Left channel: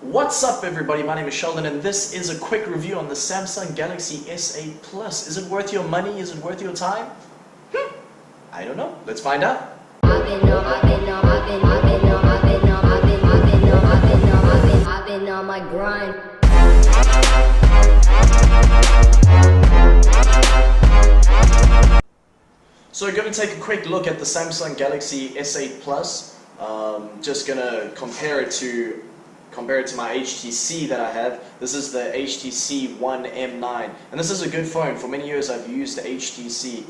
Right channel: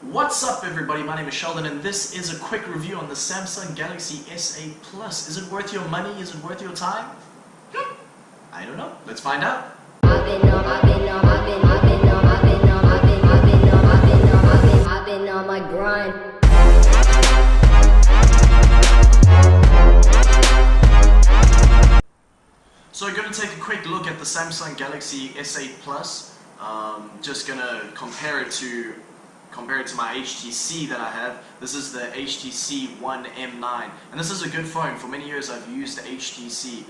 What's up everybody, my name is Sheldon and this is a quick review on the Samsung Galaxy S8 Plus. Is it worth your money? Is it worth your time? I don't know. Let's find out. I've been on my grind. So we're going to take a quick look at the Samsung Galaxy S8 Plus. Just going to compare it to my HTC that I have. This is the HTC One M9, and this is a good phone. For many years I've used the HTC.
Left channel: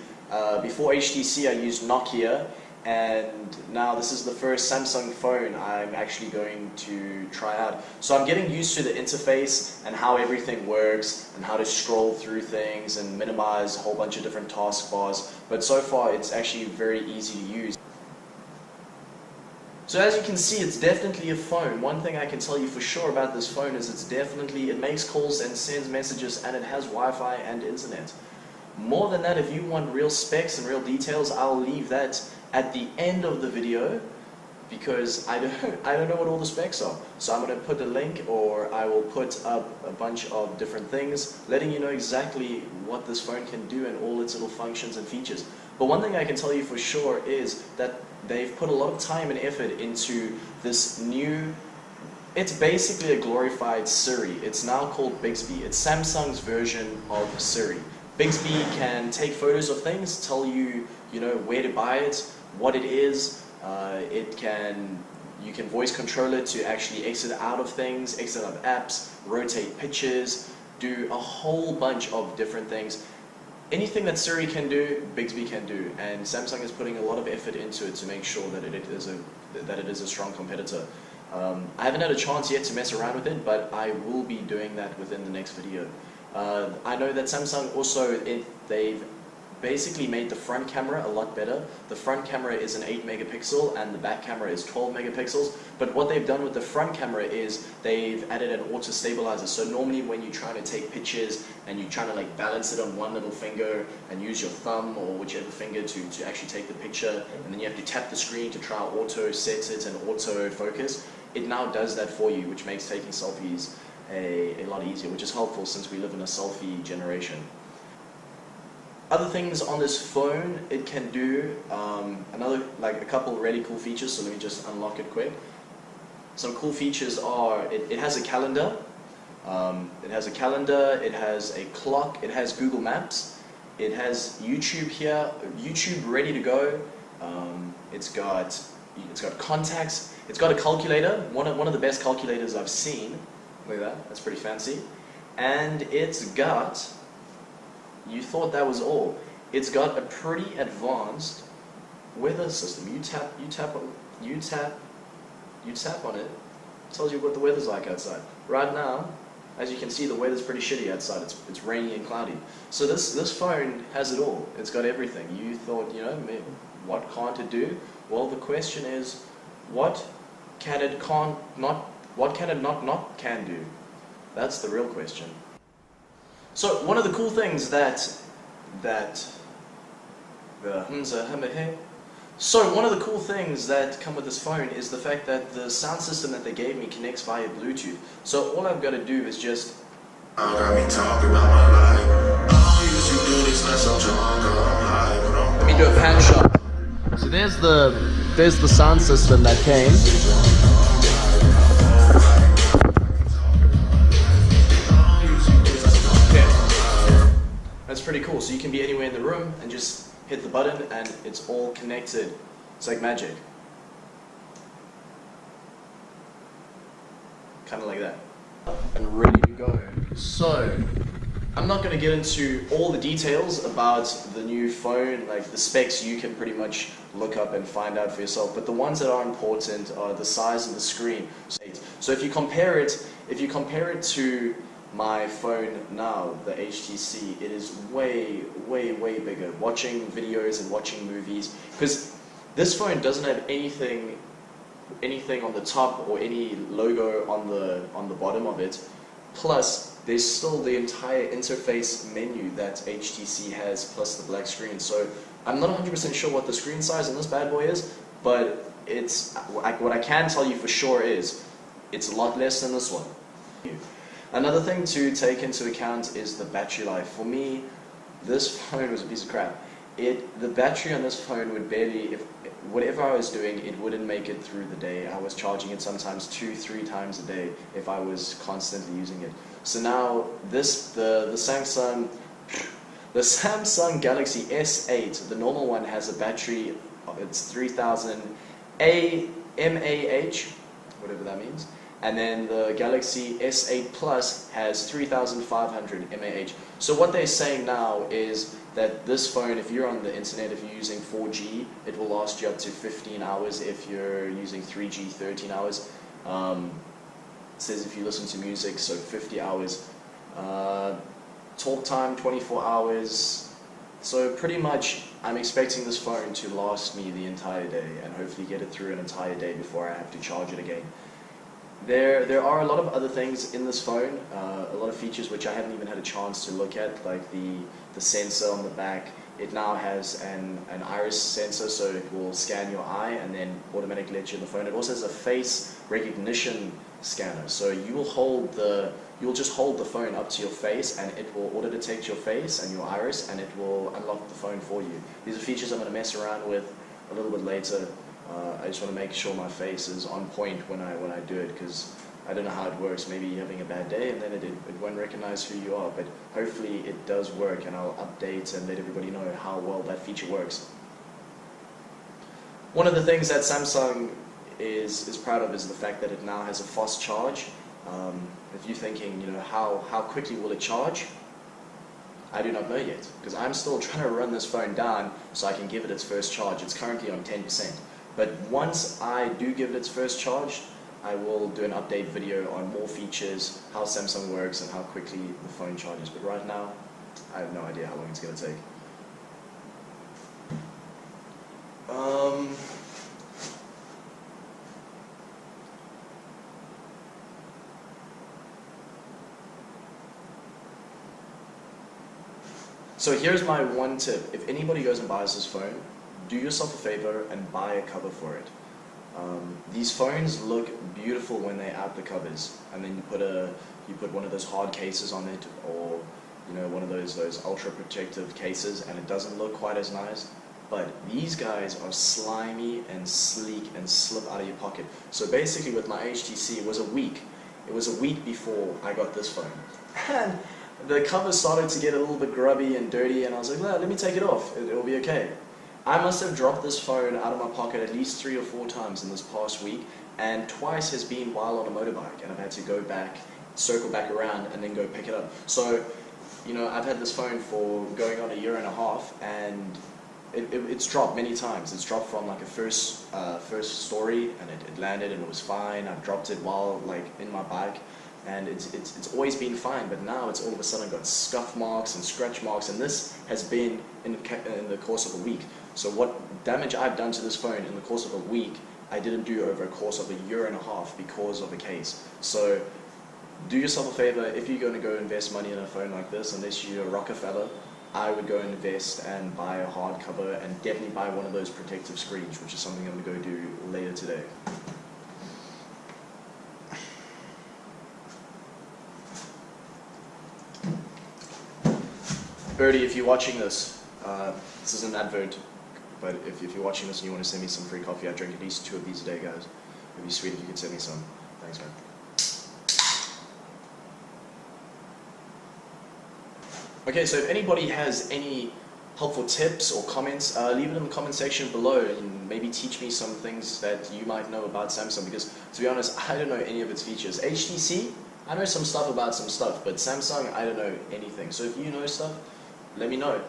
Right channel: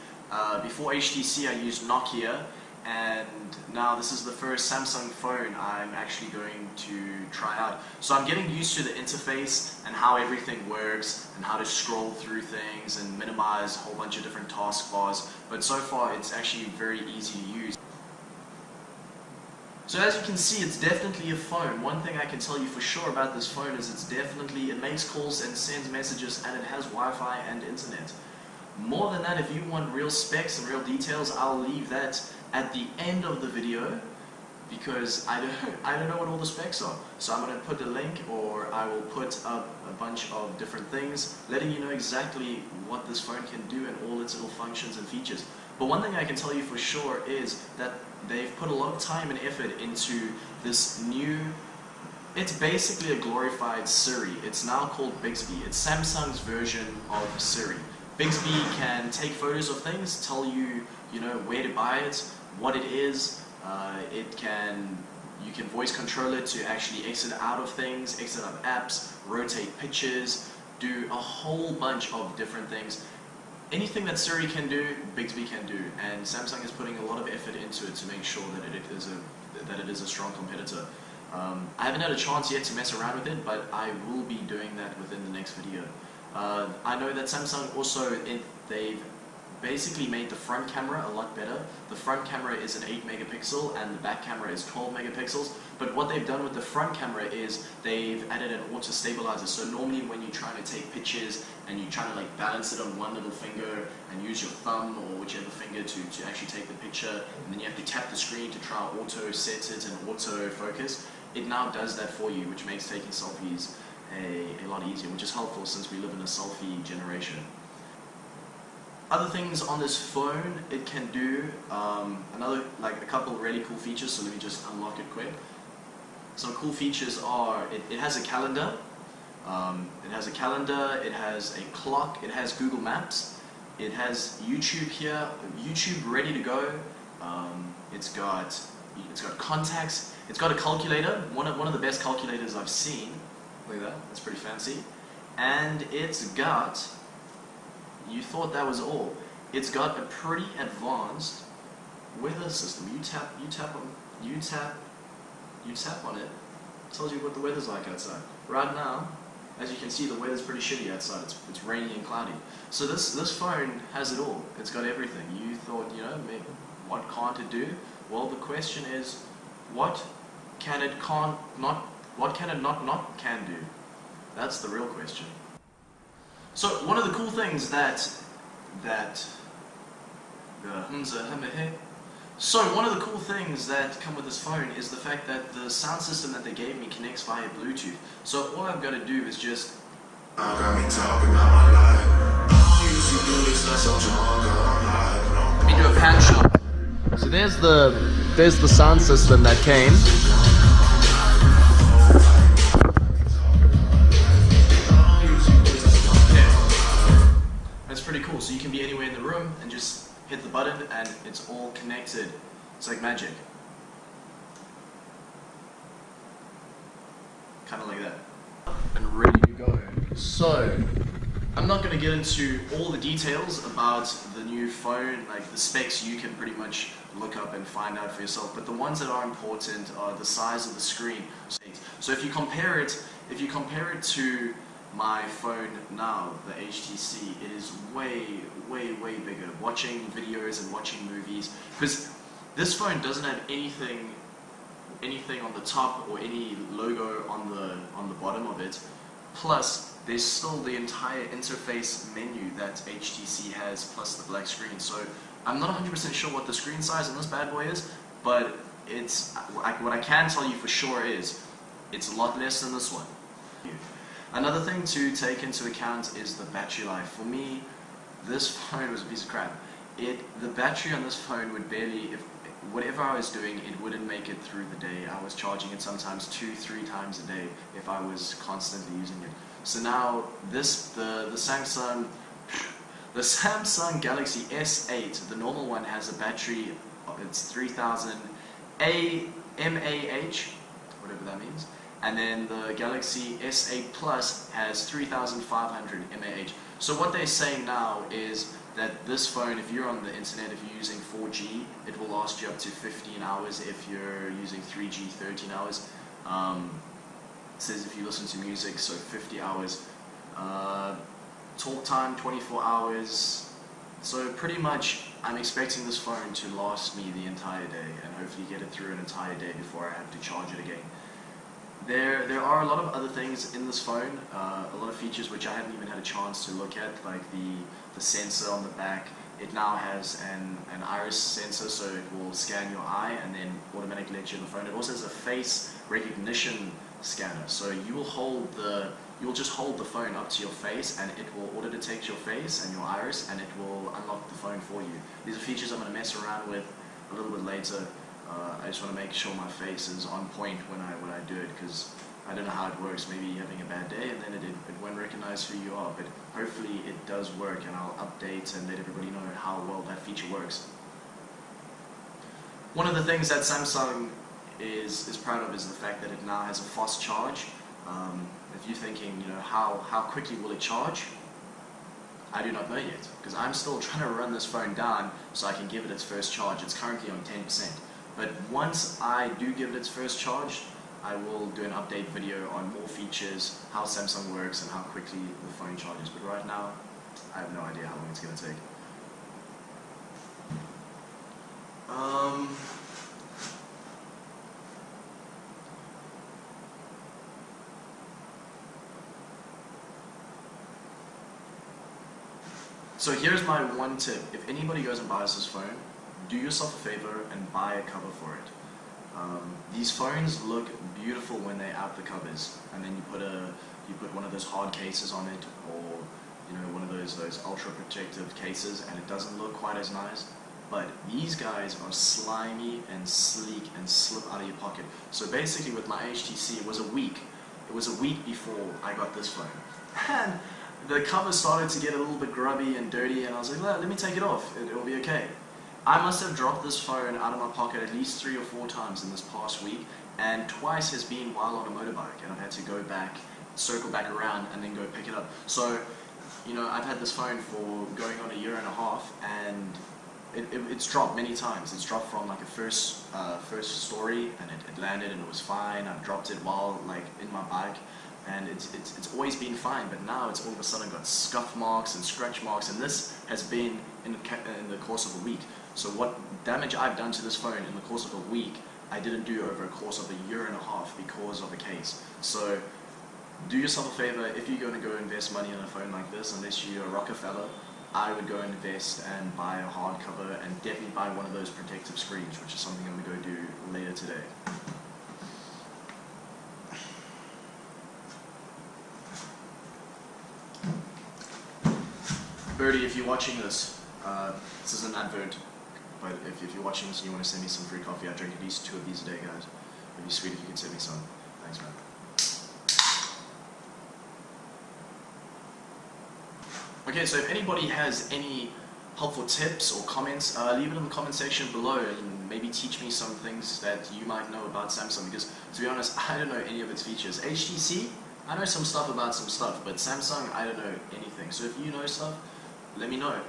Before HTC I used Nokia, and now this is the first Samsung phone I'm actually going to try out. So I'm getting used to the interface and how everything works and how to scroll through things and minimize a whole bunch of different taskbars, but so far it's actually very easy to use. So as you can see, it's definitely a phone. One thing I can tell you for sure about this phone is it makes calls and sends messages, and it has Wi-Fi and internet. More than that, if you want real specs and real details, I'll leave that at the end of the video, because I don't know what all the specs are. So I'm going to put a link, or I will put up a bunch of different things letting you know exactly what this phone can do and all its little functions and features. But one thing I can tell you for sure is that they've put a lot of time and effort into this new, it's basically a glorified Siri. It's now called Bixby. It's Samsung's version of Siri. Bixby can take photos of things, tell you, where to buy it, what it is. You can voice control it to actually exit out of things, exit out of apps, rotate pictures, do a whole bunch of different things. Anything that Siri can do, Bixby can do, and Samsung is putting a lot of effort into it to make sure that it is a strong competitor. I haven't had a chance yet to mess around with it, but I will be doing that within the next video. I know that Samsung also, they've basically made the front camera a lot better. The front camera is an 8 megapixel and the back camera is 12 megapixels. But what they've done with the front camera is they've added an auto stabilizer. So normally when you're trying to take pictures and you're trying to balance it on one little finger and use your thumb or whichever finger to actually take the picture, and then you have to tap the screen to try auto set it and auto focus, it now does that for you, which makes taking selfies a lot easier, which is helpful since we live in a selfie generation. Other things on this phone, it can do a couple really cool features, so let me just unlock it quick. Some cool features are, it has a calendar, it has a clock, it has Google Maps, it has YouTube here, YouTube ready to go, it's got contacts, it's got a calculator, one of the best calculators I've seen. Look at that, that's pretty fancy. And it's got, you thought that was all, it's got a pretty advanced weather system. You tap on it, tells you what the weather's like outside. Right now, as you can see, the weather's pretty shitty outside. It's rainy and cloudy. So this phone has it all. It's got everything. You thought, what can't it do? Well, the question is, what can it not do? That's the real question. So one of the cool things one of the cool things that come with this phone is the fact that the sound system that they gave me connects via Bluetooth. So all I've got to do is just let me do a pan shot. So there's the sound system that came. That's pretty cool. So you can be anywhere in the room and just hit the button and it's all connected. It's like magic. Kind of like that. And ready to go. So, I'm not going to get into all the details about the new phone, like the specs you can pretty much look up and find out for yourself, but the ones that are important are the size of the screen. So if you compare it to my phone now, the HTC, it is way bigger. Watching videos and watching movies, because this phone doesn't have anything on the top or any logo on the bottom of it. Plus, there's still the entire interface menu that HTC has, plus the black screen. So I'm not 100% sure what the screen size on this bad boy is, but it's what I can tell you for sure is It's a lot less than this one. Another thing to take into account is the battery life. For me, this phone was a piece of crap. The battery on this phone would barely, whatever I was doing, it wouldn't make it through the day. I was charging it sometimes 2-3 times a day if I was constantly using it. So now the Samsung Galaxy S8, the normal one, has a battery, it's 3000 mAh, whatever that means. And then the Galaxy S8 Plus has 3500 mAh. So what they're saying now is that this phone, if you're on the internet, if you're using 4G, it will last you up to 15 hours. If you're using 3G, 13 hours. It says if you listen to music, so 50 hours. Talk time, 24 hours. So pretty much, I'm expecting this phone to last me the entire day and hopefully get it through an entire day before I have to charge it again. There are a lot of other things in this phone, a lot of features which I haven't even had a chance to look at, like the sensor on the back. It now has an iris sensor, so it will scan your eye and then automatically let you in the phone. It also has a face recognition scanner, so you'll just hold the phone up to your face and it will auto detect your face and your iris and it will unlock the phone for you. These are features I'm going to mess around with a little bit later. I just want to make sure my face is on point when I do it, because I don't know how it works. Maybe you're having a bad day and then it won't recognize who you are, but hopefully it does work and I'll update and let everybody know how well that feature works. One of the things that Samsung is proud of is the fact that it now has a fast charge. If you're thinking, how quickly will it charge? I do not know yet, because I'm still trying to run this phone down so I can give it its first charge. It's currently on 10%. But once I do give it its first charge, I will do an update video on more features, how Samsung works, and how quickly the phone charges. But right now, I have no idea how long it's going to take. So here's my one tip. If anybody goes and buys this phone, do yourself a favor and buy a cover for it. These phones look beautiful when they're out the covers, and then you put one of those hard cases on it, or one of those ultra protective cases, and it doesn't look quite as nice. But these guys are slimy and sleek and slip out of your pocket. So basically, with my HTC, it was a week. It was a week before I got this phone, and the cover started to get a little bit grubby and dirty, and I was like, let me take it off. It'll be okay. I must have dropped this phone out of my pocket at least 3 or 4 times in this past week, and twice has been while on a motorbike, and I've had to go back, circle back around, and then go pick it up. So, I've had this phone for going on 1.5 years, and it's dropped many times. It's dropped from like a first story, and it landed and it was fine. I've dropped it while in my bike, and it's always been fine. But now it's all of a sudden got scuff marks and scratch marks, and this has been in the course of a week. So what damage I've done to this phone in the course of a week, I didn't do over a course of 1.5 years because of the case. So do yourself a favor. If you're going to go invest money in a phone like this, unless you're a Rockefeller, I would go and invest and buy a hardcover, and definitely buy one of those protective screens, which is something I'm going to go do later today. Birdie, if you're watching this, this is an advert, but if you're watching this and you want to send me some free coffee, I drink at least 2 of these a day, guys. It'd be sweet if you could send me some. Thanks, man. Okay, so if anybody has any helpful tips or comments, leave it in the comment section below and maybe teach me some things that you might know about Samsung, because to be honest, I don't know any of its features. HTC, I know some stuff about some stuff, but Samsung, I don't know anything. So if you know stuff, let me know.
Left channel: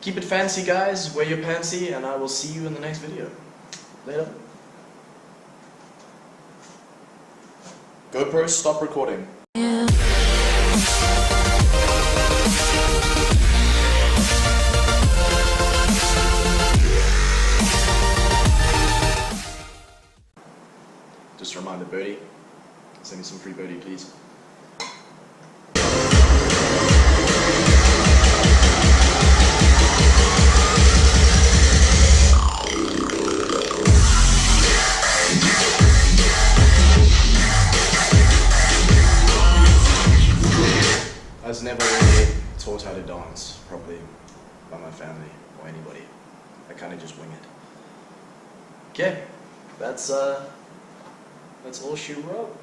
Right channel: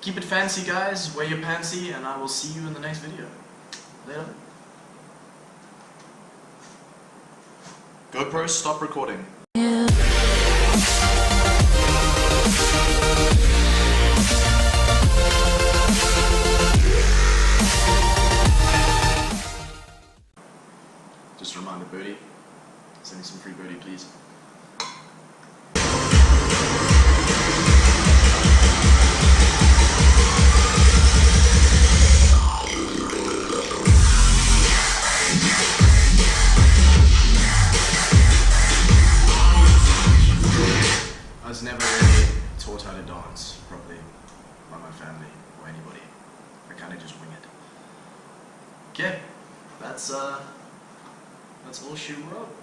Keep it fancy, guys. Wear your pantsy, and I will see you in the next video. Later. GoPro, stop recording. Just a reminder, Birdie, send me some free Birdie, please. was never really taught how to dance properly by my family or anybody. I kind of just wing it. Okay, that's all she wrote.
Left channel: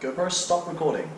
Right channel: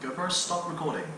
GoPro, stop recording.